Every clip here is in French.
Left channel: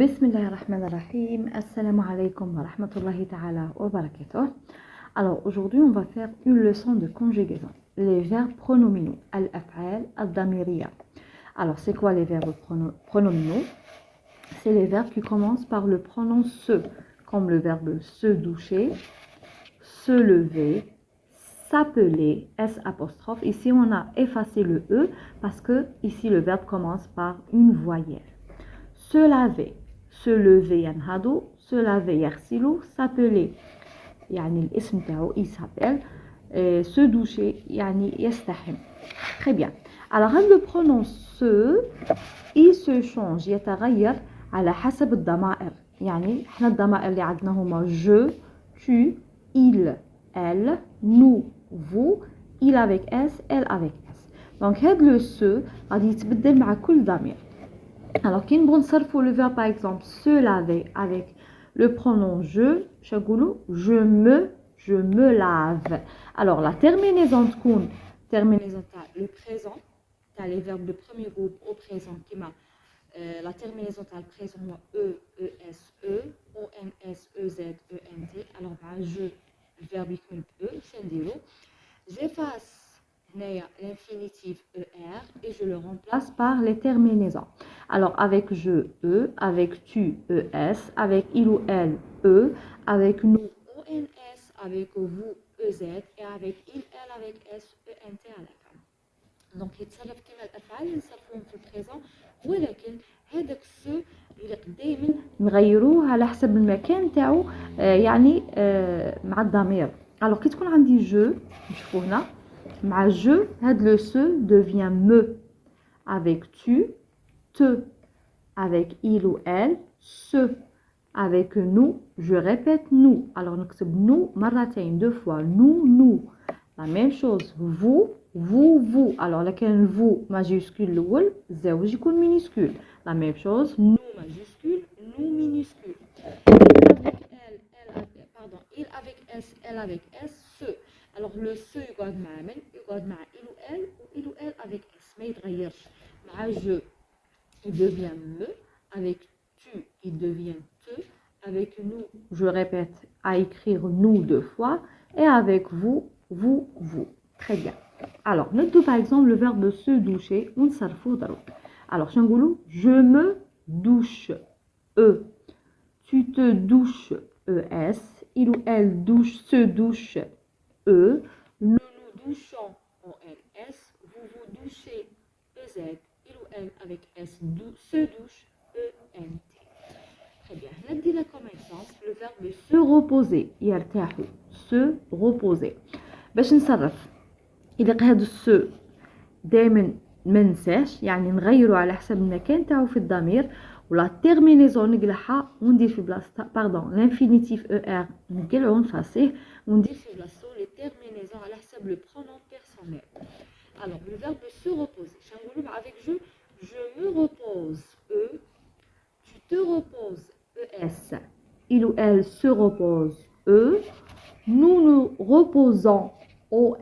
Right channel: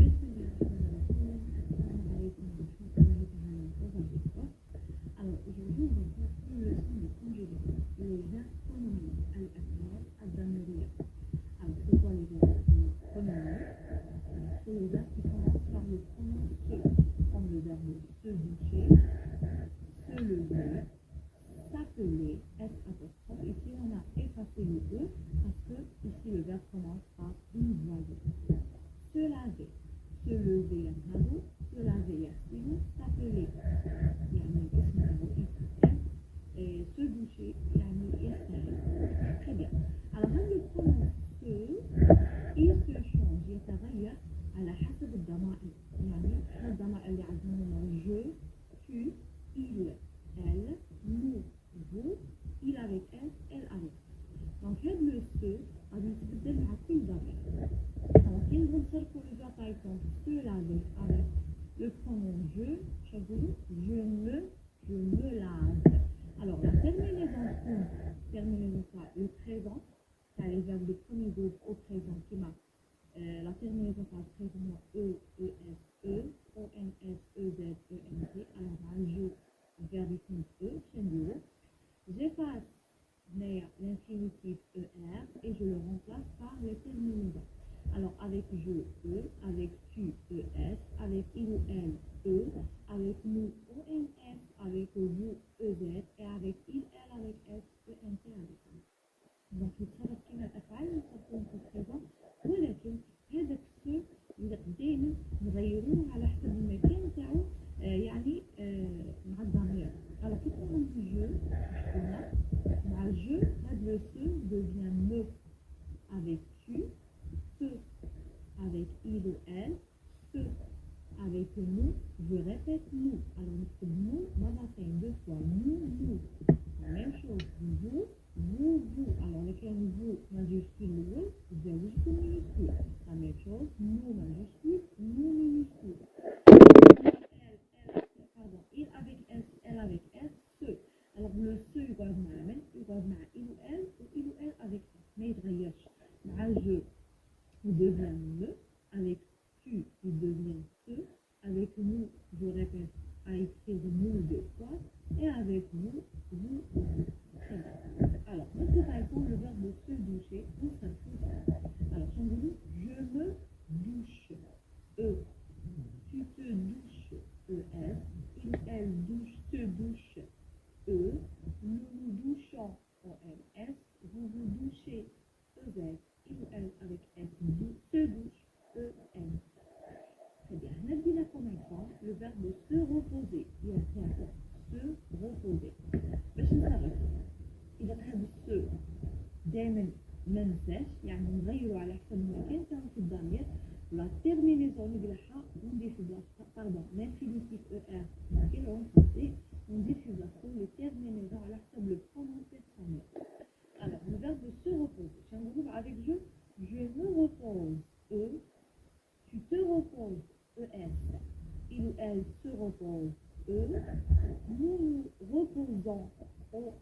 بسم الله الرحمن الرحيم. Assalamu alaikum wa rahmatullahi ta'ala wa barakatuh. Alors aujourd'hui on va faire une leçon de conjugaison. Les verbes pronominaux, al-af'al, al-damiriya. Alors c'est quoi les verbes pronominaux? C'est les verbes qui commencent par le pronom se, comme le verbe se doucher, se lever, s'appeler, S apostrophe. Ici on a effacé le E parce que ici le verbe commence par une voyelle. Se laver, se lever ينهضوا, se laver يغسلوا, s'appeler يعني الاسم تاعو il s'appelle, se doucher يعني يستحم. Très bien. Alors le pronom se il se change يتغير على حسب الضمائر. يعني احنا الضمائر اللي عندنا هما je, tu, il, elle, nous, vous, il avec S, elle avec S. Donc هاد le se غادي يتبدل مع كل ضمير. Alors, quand on s'arrête le verbe par exemple se laver avec le pronom je me lave. Alors, la terminaison de terminaison le présent, les verbes de premier groupe au présent qui m'a la terminaison le présent e, es, e, ons, ez, ent. Alors, je le verbe qui e, j'efface l'infinitif er et je le remplace par les terminaisons. Alors avec je, e, avec tu, es, avec il ou elle, e, avec nous, ons, avec vous, ez, et avec il, elle, avec s, ent à la fin. Donc يتصرف كما الافعال نصرفوهم في البريزون، ولكن هذاك السو اللي دائما نغيروه على حسب المكان تاعو، يعني مع الضمير. alors كي تكون عندي جو نشوفوا هنا مع je, le se devient me. Avec tu, te. Avec il ou elle, se. Avec nous, je répète nous. Alors nous nous مرتين, deux fois. Nous. La même chose. Vous. Alors laquelle vous majuscule l'oul, زوج يكون minuscule. La même chose. Nous majuscule, nous minuscule. Il avec s, elle avec s, se. Alors le se يقعد مع من؟ يقعد مع il ou elle avec s ما يتغيرش. مع je il devient me, avec tu il devient te, avec nous je répète à écrire nous deux fois, et avec vous. Très bien. Alors notez par exemple le verbe se doucher ونصرفوه ضرب. alors شنقولوا je me douche, e, tu te douches, es, il ou elle douche, se douche, e, nous nous douchons, ons, vous vous douchez, ez, il ou elle avec s, se douche, ent. Très bien. ندينا comme exemple le verbe se reposer, يرتاح, se reposer. باش نصرف يلقى هذا السو دائما ما ننساش، يعني نغيره على حسب المكان تاعو في الضمير، ولا تيرمينيزون نقلعها وندير في بلاصتها باردون لانفينيتيف او ار نقلعو ونفاسيه وندير في بلاصتو لي تيرمينيزون على حسب لو برونون بيرسونيل. alors le verbe se reposer شنقولوا avec je me repose, e, tu te reposes, es, il ou elle se repose, e, nous nous reposons, ons,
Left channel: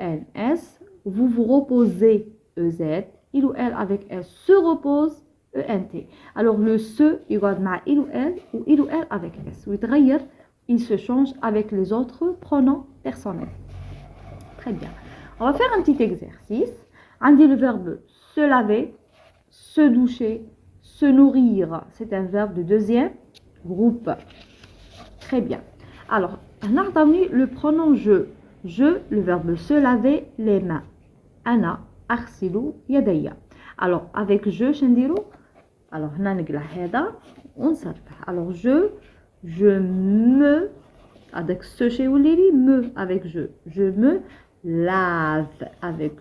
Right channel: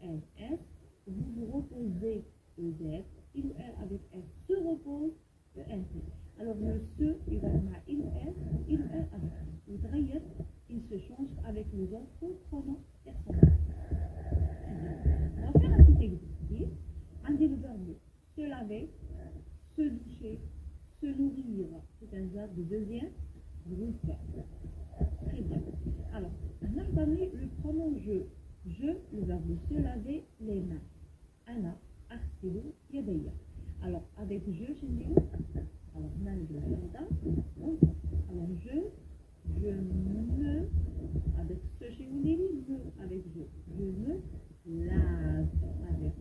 vous vous reposez, ez, il ou elle avec s se repose, ent. alors le se يقعد مع il ou elle avec s ويتغير, il se change avec les autres pronoms personnels. Très bien. On va faire un petit exercice. عندي le verbe se laver, se doucher, se nourrir. C'est un verbe de deuxième groupe. Très bien. alors on a le pronom je, le verbe se laver les mains. أنا أغسل يدي. alors avec je شنديرو؟ alors هنا نقلع هذا ونصرف. alors je me avec ce chez Oulili, me avec je me lave avec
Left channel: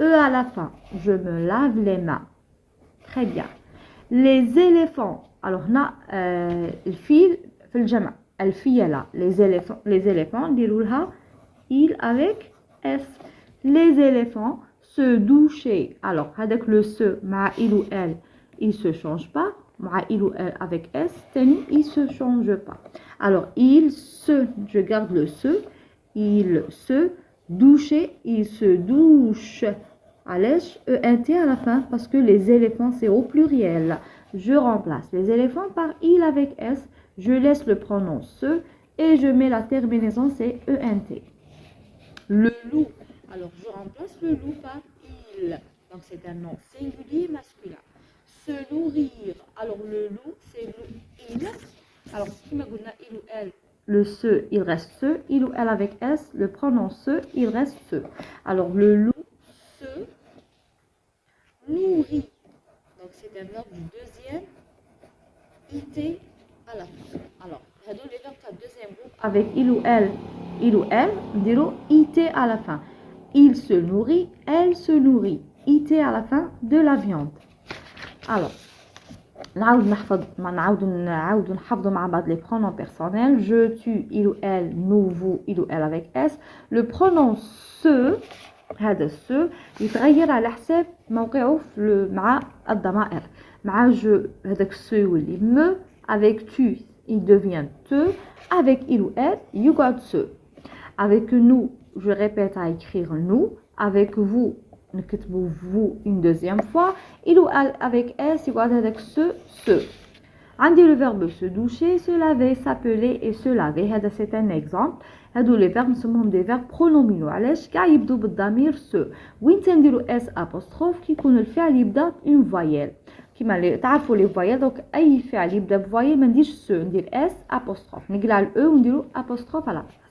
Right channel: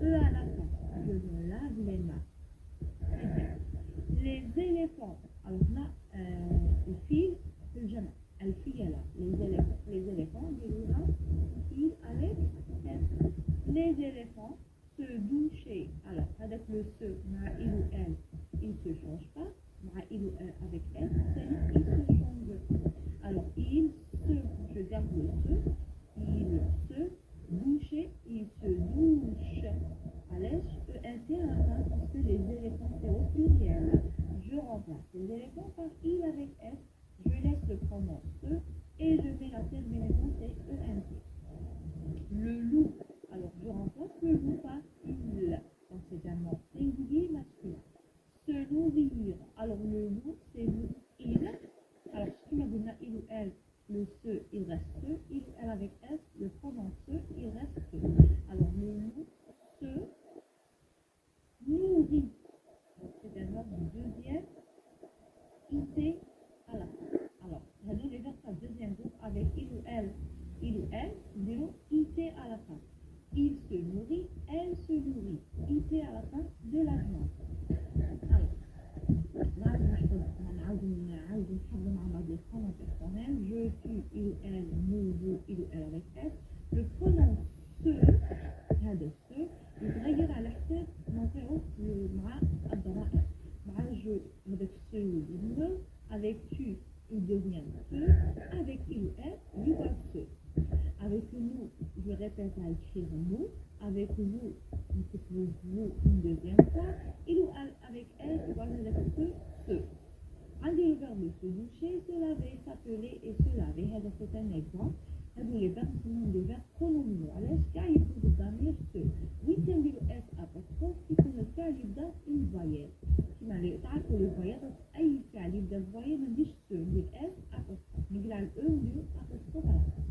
e à la fin, je me lave les mains. Très bien. les éléphants, alors هنا الفيل في الجمع, الفيلة, les éléphants نديروا لها il avec s. les éléphants se doucher. alors هذاك le se مع il ou elle il se change pas, مع il ou elle avec s تاني il se change pas. alors il se, je garde le se, il se doucher, il se douche, علاش ENT à la fin parce que les éléphants c'est au pluriel. Je remplace les éléphants par il avec S, je laisse le pronom ce et je mets la terminaison c'est ENT. Le loup, alors je remplace le loup par il, donc c'est un nom singulier masculin. Se nourrir, alors le loup c'est loup il, alors qui m'a donné il ou elle, le ce il reste ce, il ou elle avec S, le pronom ce il reste ce. Alors le loup se nourrit, donc c'est un verbe du deuxième IT à la fin. Alors les verbes du deuxième groupe avec il ou elle نديرو IT à la fin. Il se nourrit, elle se nourrit, IT à la fin de la viande. Alors نعاود نحفظوا مع بعض les pronoms personnels. Je, tu, il ou elle, nous, vous, il ou elle avec S. Le pronom ce هذا ce يتغير على حساب موقعه مع الضمائر. مع je هذاك ce يولي me, avec tu il devient te, avec il ou elle يقعد ce. Avec nous, je répète à écrire nous, avec vous نكتبوا vous une deuxième fois, il ou elle avec S يقعد هذاك ce. عندي le verbe se doucher, se laver, s'appeler et se laver. هذا c'est un exemple. هادو les verbes نسموهم des verbes pronominaux. علاش كاع يبدو بالضمير se. وين تنديروا s apostrophe كي يكون الفعل يبدا une voyelle. كيما تعرفوا les voyelles دونك اي فعل يبدا بفويل ما نديرش se ندير s apostrophe. نقلع ال e ونديروا apostrophe à la place.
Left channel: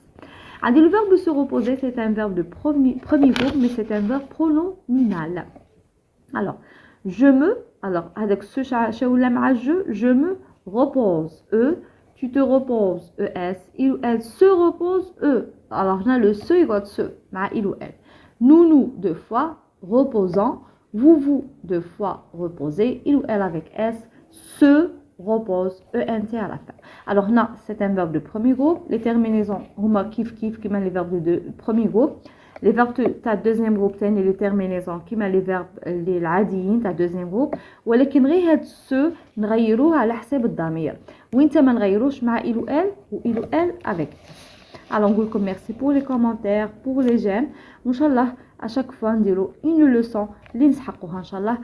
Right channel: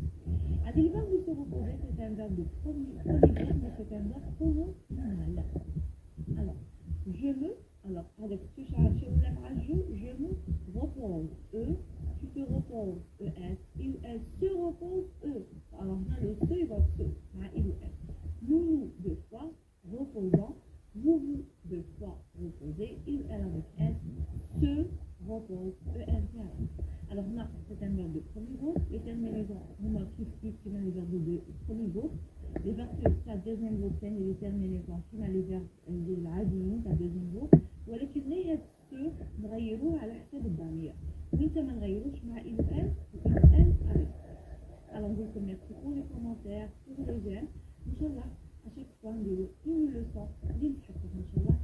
عندي le verbe se reposer, c'est un verbe de premier groupe mais c'est un verbe pronominal. Alors je me, alors avec ce je me repose, e, tu te reposes, es, il ou elle se repose, e. Alors là le se égale se, il ou elle. Nous deux fois reposant, vous deux fois reposez, il ou elle avec s, se repose, ent à la fin. Alors là c'est un verbe de premier groupe, les terminaisons huma kif qui met les verbes de premier groupe. Les verbes تاع deuxième groupe تاني les terminaisons كيما les verbes اللي العاديين تاع deuxième groupe ولكن غير هاد سو نغيروه على حساب الضمير وانت ما نغيروش مع il ou elle ou il ou elle avec. Alors نقول لكم merci pour les commentaires pour les j'aime وان شاء الله à chaque fois نديرو une leçon اللي نسحقوها ان شاء الله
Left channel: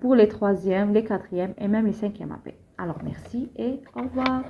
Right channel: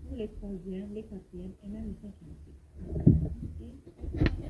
pour les troisièmes les quatrièmes et même les cinquièmes appels. Alors merci et au revoir.